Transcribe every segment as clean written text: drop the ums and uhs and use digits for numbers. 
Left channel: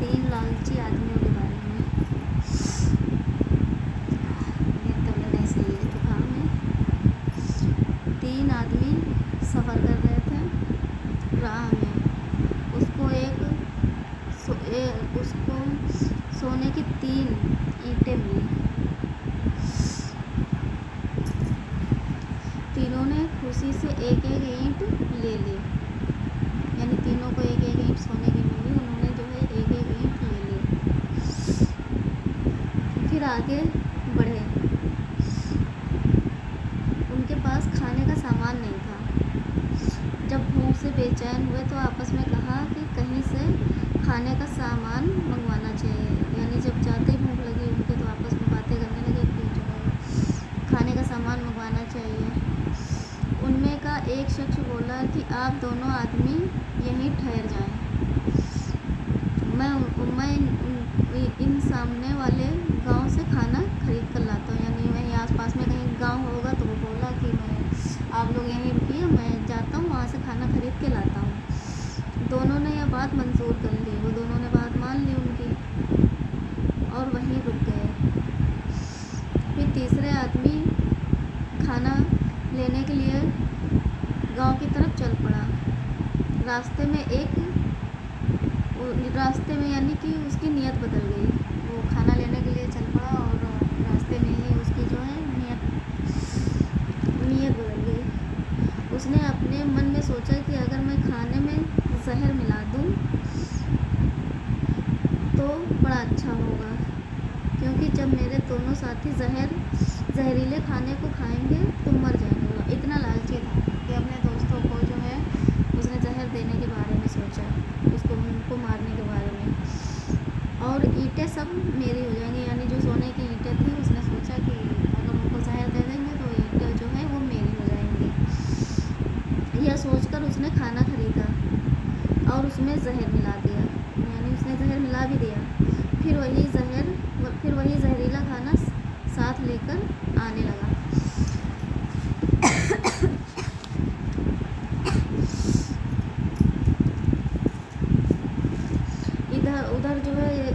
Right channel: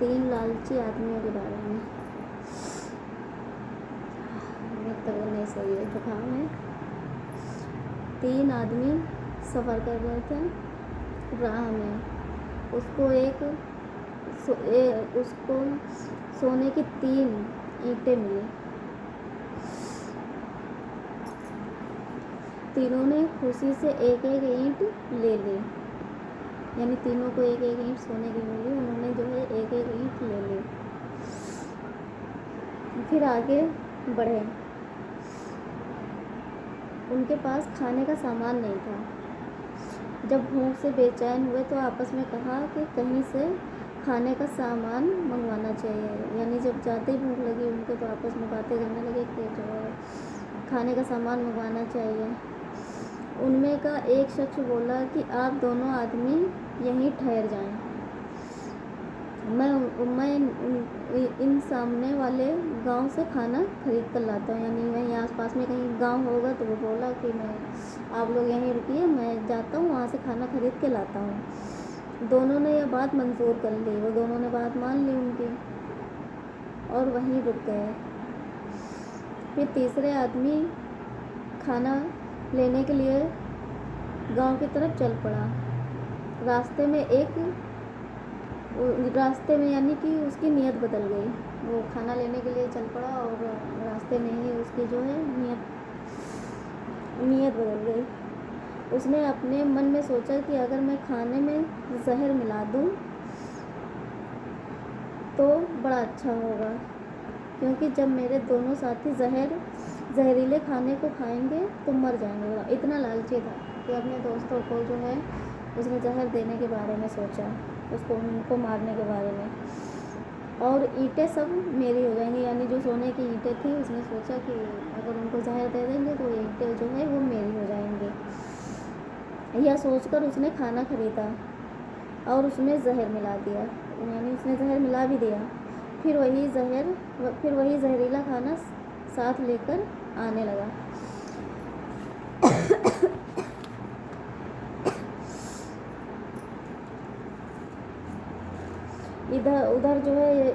3 लालची आदमियों के बारे में। मेरी तबीयत नहीं सही है, जुकाम है। 3 आदमी सफ़र कर रहे थे राह में। उसको सोने की 3 ईंटें मिली। तीनों ने खुशी से एक एक ईंट ले ली, यानी तीनों को एक एक ईंट सोने की मिली। उन्होंने जो है एक एक ईंट ले ली। फिर आगे बढ़े। उनके पास खाने का सामान नहीं था। जब भूख से बेचैन हुए तो आपस में कहा कि कहीं से खाने का सामान मंगवाना चाहिए। यानी जब जाते भूख लगी उनके तो आपस में बातें करने लगे कि जो है खाने का सामान मंगवाना चाहिए। उनमें का एक शख्स बोला कि आप दोनों आदमी यहीं ठहर जाएं, मैं इन सामने वाले गांव से खाना खरीद कर लाता हूँ। यानी वहीं आसपास में कहीं गांव होगा तो वो बोला कि आप लोग यहीं रुकिए, मैं जाता हूँ वहाँ से खाना खरीद के लाता हूँ। दोनों ने यह बात मंजूर कर ली। वो दोनों ने बात मान ली उनकी और वहीं रुक गए। फिर तीसरे आदमी खाना लेने के लिए गांव की तरफ चल पड़ा। रास्ते में यानी कि उसकी नीयत बदल गई। वो खाना लेने के लिए चल पड़ा और रास्ते में ही उसकी जो है नीयत बदल गई। उसने अपने मन में सोचा कि अगर मैं खाने में जहर मिला दूं तो बड़ा अच्छा होगा, क्योंकि जब मेरे दोनों साथी जहरीले खाने को खाएंगे तो मर जाएंगे। इतना लालची था कि अपने दोस्तों को जो है उसने जहर देने के बारे में सोचा, उनको मारने के बारे में। और ईंटें सब मेरी हो जाएंगी, यानी जो सोने की ईंटें थी उसने सोचा कि अगर उनको जहर दे देंगे तो ईंटें जो है वो मेरी हो जाएंगी। यह सोचकर उसने खाना खरीदा और उसमें जहर मिला दिया, यानी उसने जहर मिला भी दिया। फिर वही जहरीला खाना साथ लेकर आने लगा।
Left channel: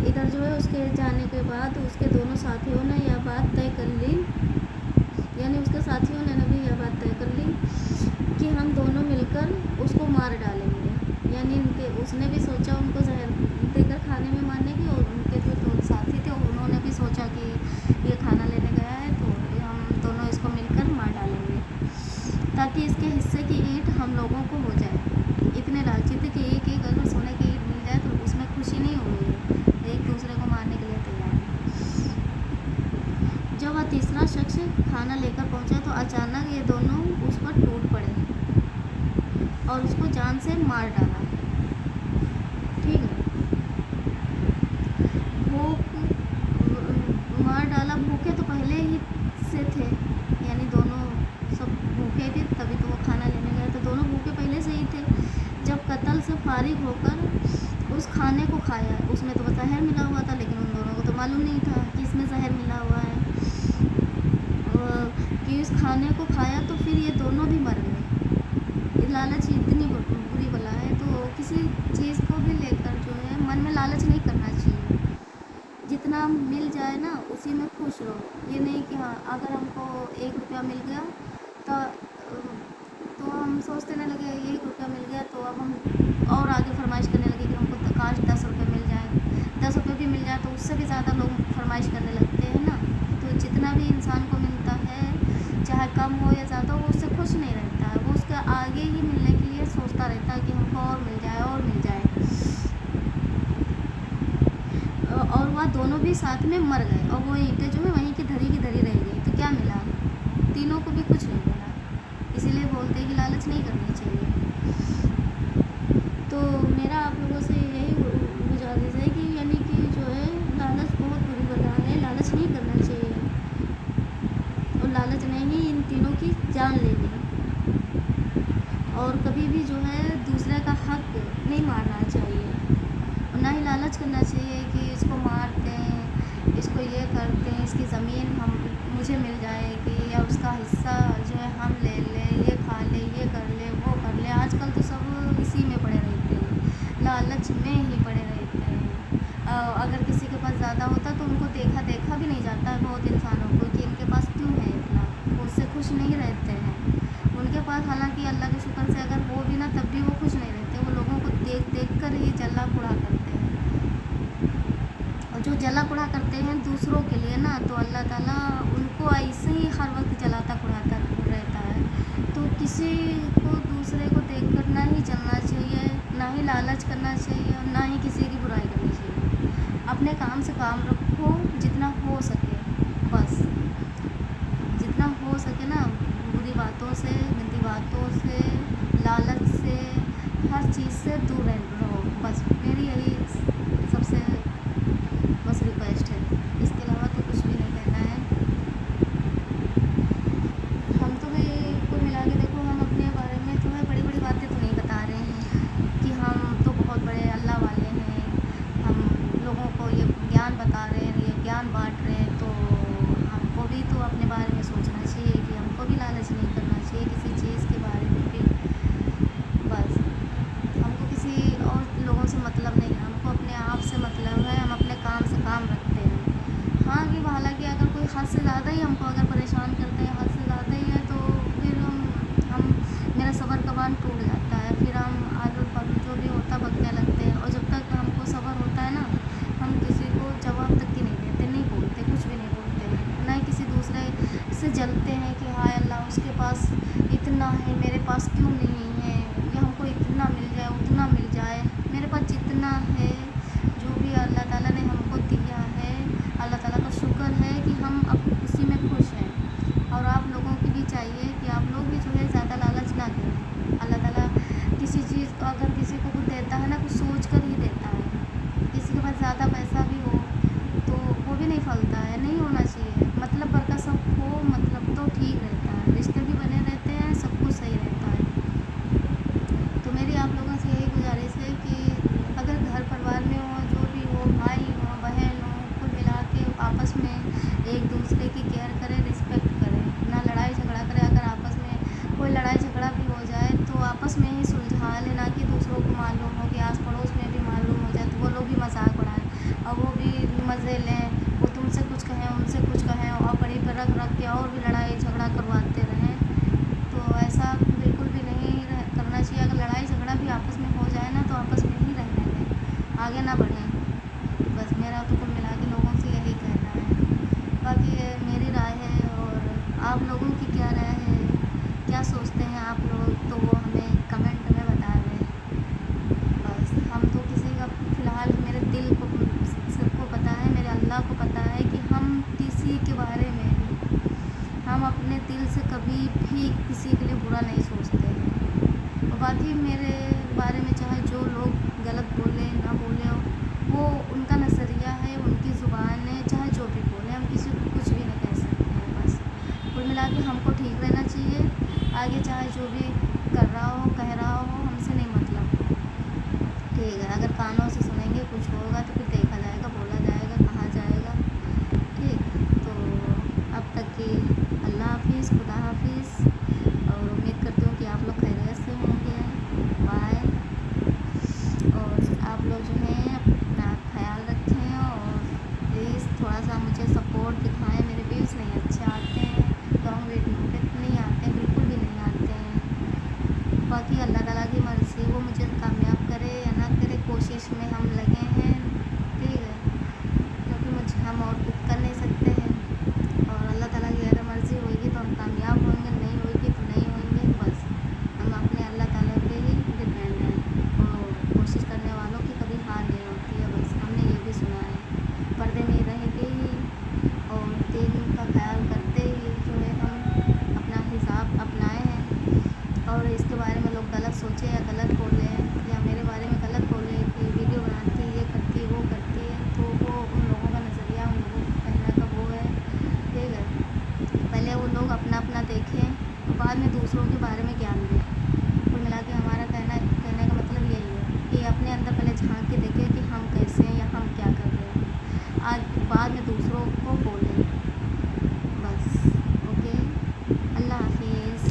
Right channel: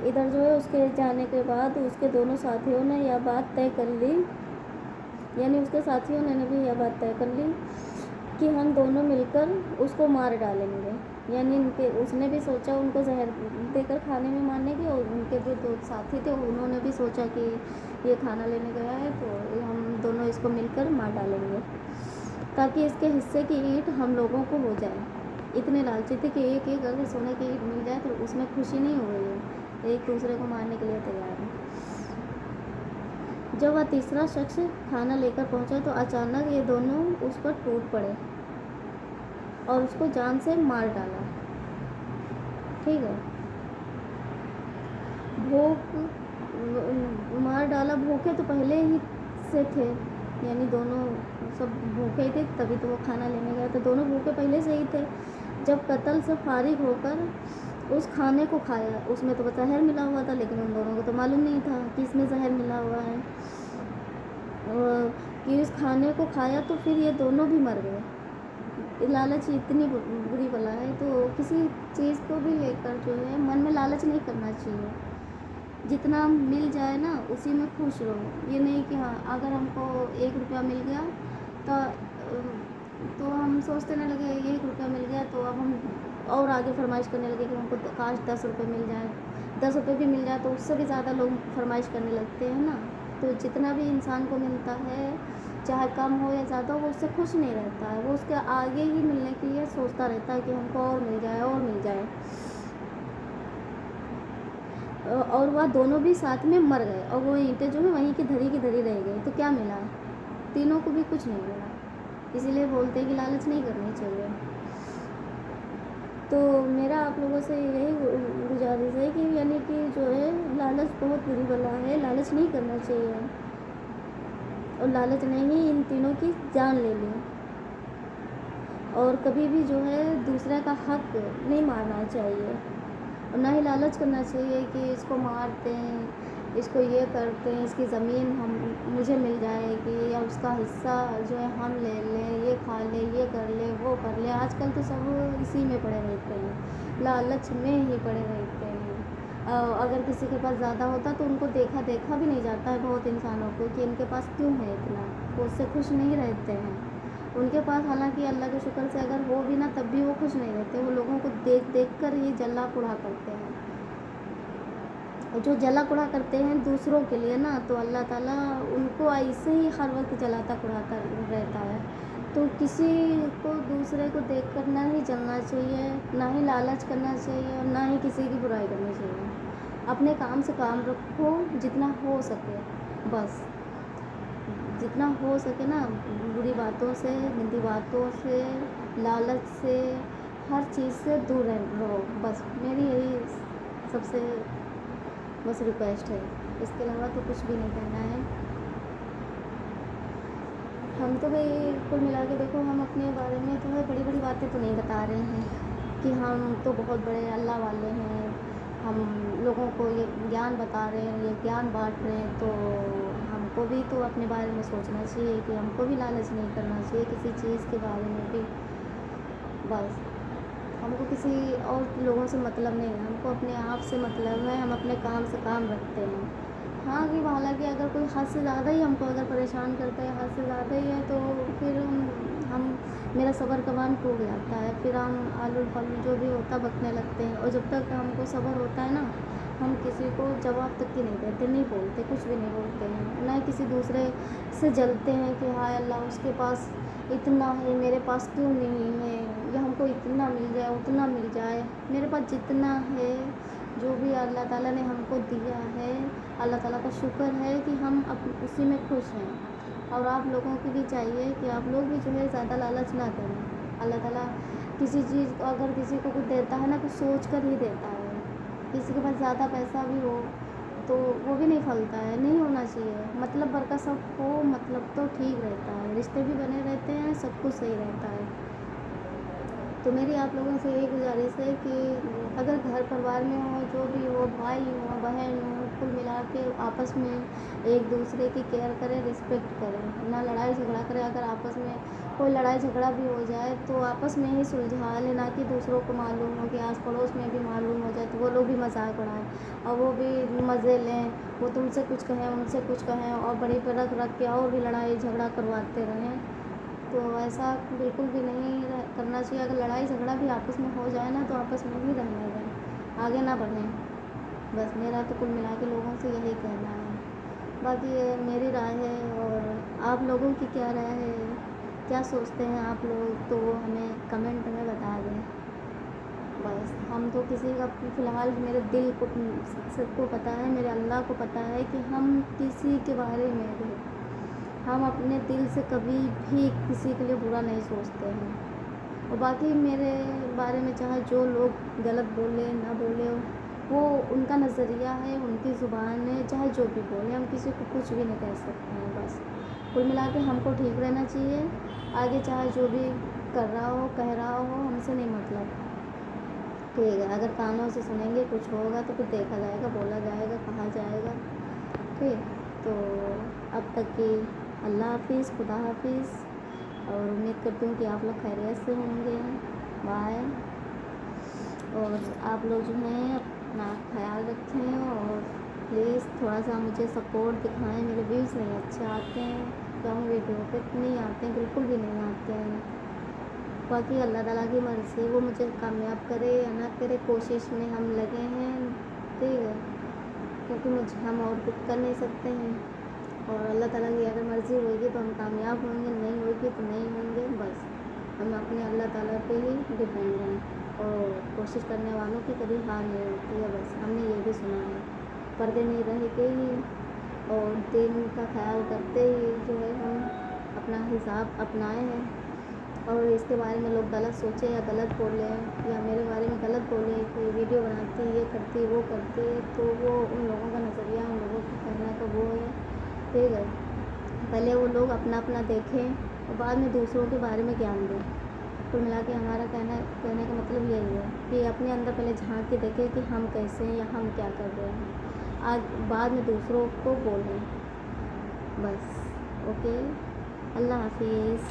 इधर जो है उसके जाने के बाद उसके दोनों साथियों ने यह बात तय कर ली, यानी उसके साथियों ने भी यह बात तय कर ली कि हम दोनों मिलकर उसको मार डालेंगे। यानी उसने भी सोचा उनको जहर देकर खाने में मारने की, और उनके जो साथी थे उन्होंने भी सोचा कि ये खाना लेने गया है तो हम दोनों इसको मिलकर मार डालेंगे ताकि इसके हिस्से की ईंट हम लोगों को हो जाए। इतने लालची थे कि एक एक अगर सोने की ईंट मिल जाए तो उसमें खुशी नहीं हो रही है, एक दूसरे को मारने के लिए तैयार है। जब वह तीसरा शख्स खाना लेकर पहुंचा तो अचानक ये दोनों उस पर टूट पड़े और उसको जान से मार डाला। ठीक है, मार डाला। भूखे तो पहले ही से थे, यानी दोनों सब भूखे थे, तभी तो वो खाना लेने गए, तो दोनों भूखे पहले से ही थे। जब कत्ल से फारिग होकर उस खाने को खाया, उसमें तो जहर मिला हुआ था, लेकिन उन दोनों को तो मालूम नहीं था कि इसमें जहर मिला हुआ है। कि उस खाने को खाया तो फिर ये दोनों भी मर गए। लालच इतनी बुरी बला है, तो किसी चीज़ को भी लेकर जो है मन में लालच नहीं करना चाहिए। जितना मिल जाए ना उसी में खुश हो। ये नहीं कि हाँ अगर हमको 1 रुपया मिल गया तो हम सोचते नहीं लगे 1 रुपया मिल गया तो अब हम और आगे फरमाइश करने लगे कि हमको काश 10 रुपये मिल जाए, 10 रुपये भी मिल जाए तो उससे भी ज़्यादा लोग फरमाइश करने लगते हैं ना। तो जितना भी इंसान को मिलता है, चाहे कम हो या ज़्यादा, वो उससे खुश नहीं रहता है, वो उसके आगे ही मिलने के लिए सोचता रहता है कि हमको और मिल जाए और मिल जाए। और वह दोनों भी साथ में मर गए और वो ईंटें जो है वहीं की धरी रह गई। तो क्या मिला? तीनों को भी कुछ नहीं मिला। इसीलिए बोलते हैं कि लालच नहीं करनी चाहिए। तो मेरा आप लोगों से यही गुजारिश है कि यानी कि जो है लालच बहुत बुरी बला है, लालच नहीं करना चाहिए। और लालच ने ही इन तीनों की जान ले ली। और कभी भी जो है दूसरे का हक नहीं मारना चाहिए, और ना ही लालच करना चाहिए कि इसको मारते हैं, इसको ये करते हैं, इसकी ज़मीन मुझे मिल जाएगी या उसका हिस्सा जो है हम ले लें, ये खा ले, ये कर ले, वो कर ले। आजकल तो सब इसी में पड़े रहते हैं, लालच में ही पड़े रहते हैं। अगर किसी के पास ज़्यादा होता तो उनको देखा देखा भी नहीं जाता है बहुत इंसानों को कि इनके पास क्यों है इतना, वो उससे खुश नहीं रहते हैं। उनके पास हालांकि अल्लाह के शुक्र से अगर हो भी ना तब भी वो खुश नहीं रहते, वो लोगों को देख देख कर ही जला पुड़ा करते हैं। और जो जला पुड़ा करते हैं दूसरों के लिए ना, तो अल्लाह ताला उनको ऐसे ही हर वक्त जलाता पुड़ाता रहता है। तो किसी को दूसरे को देख कर ना ही जलना चाहिए, ना ही लालच करना चाहिए, और ना ही किसी की बुराई करनी चाहिए। अपने काम से काम रखो जितना हो सके, बस जितना हो सके ना, बुरी बातों से, गंदी बातों से, लालच से, हर चीज़ से दूर रहो। बस मेरी यही सबसे बस रिक्वेस्ट है, इसके अलावा तो कुछ भी नहीं कहना है। हम तो भाई को मिला के देखो, हम अपने बारे में तो बड़ी बड़ी बातें तो नहीं बता रहे हैं कि हम तो बहुत बड़े अल्लाह वाले हैं, हम लोगों को ये ज्ञान बता रहे हैं, ये ज्ञान बांट रहे हैं। तो हमको भी तो अपने बारे में सोचना चाहिए कि हमको भी लालच नहीं करना चाहिए किसी चीज़ के बारे में भी। बस हमको किसी और लोगों से मतलब नहीं है, हमको अपने आप से मतलब है, हम अपने काम से काम रखते हैं। हाँ कि हालांकि अगर कोई हद से ज़्यादा ही हमको अगर परेशान करते हैं, हद से ज़्यादा ही है, तो फिर हम मेरा सब्र का बांध टूट जाता है, फिर हम आलू फालू जो भी होता बकने लगते हैं। और जब तक हमको सब्र होता है ना, हम किसी को जवाब तक की नहीं देते, नहीं बोलते, कुछ भी नहीं बोलते हैं, ना ही किसी दूसरे से जलते हैं कि हाय अल्लाह उसके पास इतना है, मेरे पास क्यों नहीं है, या हमको इतना मिल जाए उतना मिल जाए। मेरे पास जितना है, जो भी अल्लाह ताला ने हमको दिया है, अल्लाह ताला का शुक्र है कि हम अब उसी में खुश हैं। और आप लोगों को भी चाहिए कि आप लोग भी जो है ज़्यादा लालच ना करें। अल्लाह ताला किसी चीज़ को अगर किसी को कुछ देता है ना, कुछ सोच कर ही देता है। किसी के पास ज़्यादा पैसा भी हो तो वो भी नहीं फलता है, नहीं होना चाहिए। मतलब भर का सब हो, मतलब तो ठीक रहता है, रिश्ते भी बने रहते हैं, सब कुछ सही रहता है। तो मेरी आप लोगों से यही गुजारिश है कि अगर घर परिवार में हो, जो भी हो, भाई हो, बहन हो, कुल मिला के आपस में एक दूसरे की केयर करें, रिस्पेक्ट करें, ना लड़ाई झगड़ा करें। अगर आपस में कोई लड़ाई झगड़ा भी हो जाए तो आपस में ही सुलझा लें, ना कि दूसरों को मालूम हो कि आस पड़ोस में भी मालूम हो जाए तो वो लोग भी मजाक उड़ाएं और वो भी मज़े लें, वो तुमसे कुछ कहें उनसे कुछ कहें और बड़ी पर रख के और भी लड़ाई झगड़ा करवाते रहें। तो ऐसा बिल्कुल भी नहीं करना चाहिए। अगर लड़ाई झगड़ा भी आपस में हो जाए ना, तो आपस में ही रहने दें, आगे ना बढ़ें। बस मेरा तो कुल मिला के लोगों से यही कहना है। बाकी मेरी राय है, और आप लोगों की क्या राय है, क्या सोचते हैं आप लोग, तो वो हमें कमेंट में बता दें। बस हम तो किसी का फ़िलहाल मेरे दिल को सबको पता है, मेरे अल्लाह को पता है कि हम किसी के बारे में भी, हम अपने दिल से कभी भी किसी के लिए बुरा नहीं सोचते हैं। और बाकी मेरे बारे में चाहे जो लोग गलत बोले ना बोले, वो उनका नज़रिया है, उनकी ज़ुबान है, चाहे जो भी बोले, हम किसी को कुछ भी नहीं कह सकते हैं। बस कुल मिला के हमको ठीक रहना चाहिए, आगे चाहे जो भी कर रहा हो, कह रहा हो, हमसे नहीं मतलब। ठीक है, अगर कानों से सुनेंगे कुछ होगा तो फिर देखा जाएगा, बोला जाएगा, कहा जाएगा। ठीक, तो अब तक की अल्लाह हाफिज़, खुदा हाफिज़, और उम्मीद करती हूँ कि आप लोग खैरियत से होंगे। बाय। और आप लोग जो हैं अपना ख्याल रखें, और प्लीज़ थोड़ा सा मुझे सपोर्ट दिखाएं। मेरे व्यूज़ नहीं अच्छे आते हैं, लॉन्ग वीडियो पे नहीं आते हैं, बिल्कुल भी नहीं आते हैं। बाकी अल्लाह ताला की मर्ज़ी, वो मुझे कामयाब करे या ना करे, कोशिश में हम लगे हैं। ठीक है, क्योंकि मुझे हम और कुछ कर नहीं सकते हैं, और अल्लाह ताला की अगर मर्ज़ी होगी तो हम कामयाब होंगे, नहीं होगी तो नहीं होंगे। बस हम अपने अल्लाह ताला पे ही डिपेंड हैं, और कोशिश करने वालों की कभी हार नहीं होती है। बस हमने ये भी सुना है, पर्दे में रहते ही और दिन का ख्याल करते ही जो है हम अपना हिसाब अपनाए हैं। और इसके बारे में लोग गलत सोचे या गलत बोले, या मेरे बारे में गलत बोले कि वीडियो बनाती, ये करती, वो करती, तो वो उन लोगों का नज़रिया, उन लोगों को कहने का वो है। ठीक है, पहले वो लोग अपना अपना देखें, बाद में दूसरों के बारे में ज्ञान दें। कुल मिला के हमारा कहने का मतलब यही है कि अपने अंदर पहले झांक के देखें कि हम कैसे हैं या हम क्या कर रहे हैं, आज बाद में दूसरों को बोलें। बस ओके, अल्लाह हाफिज़।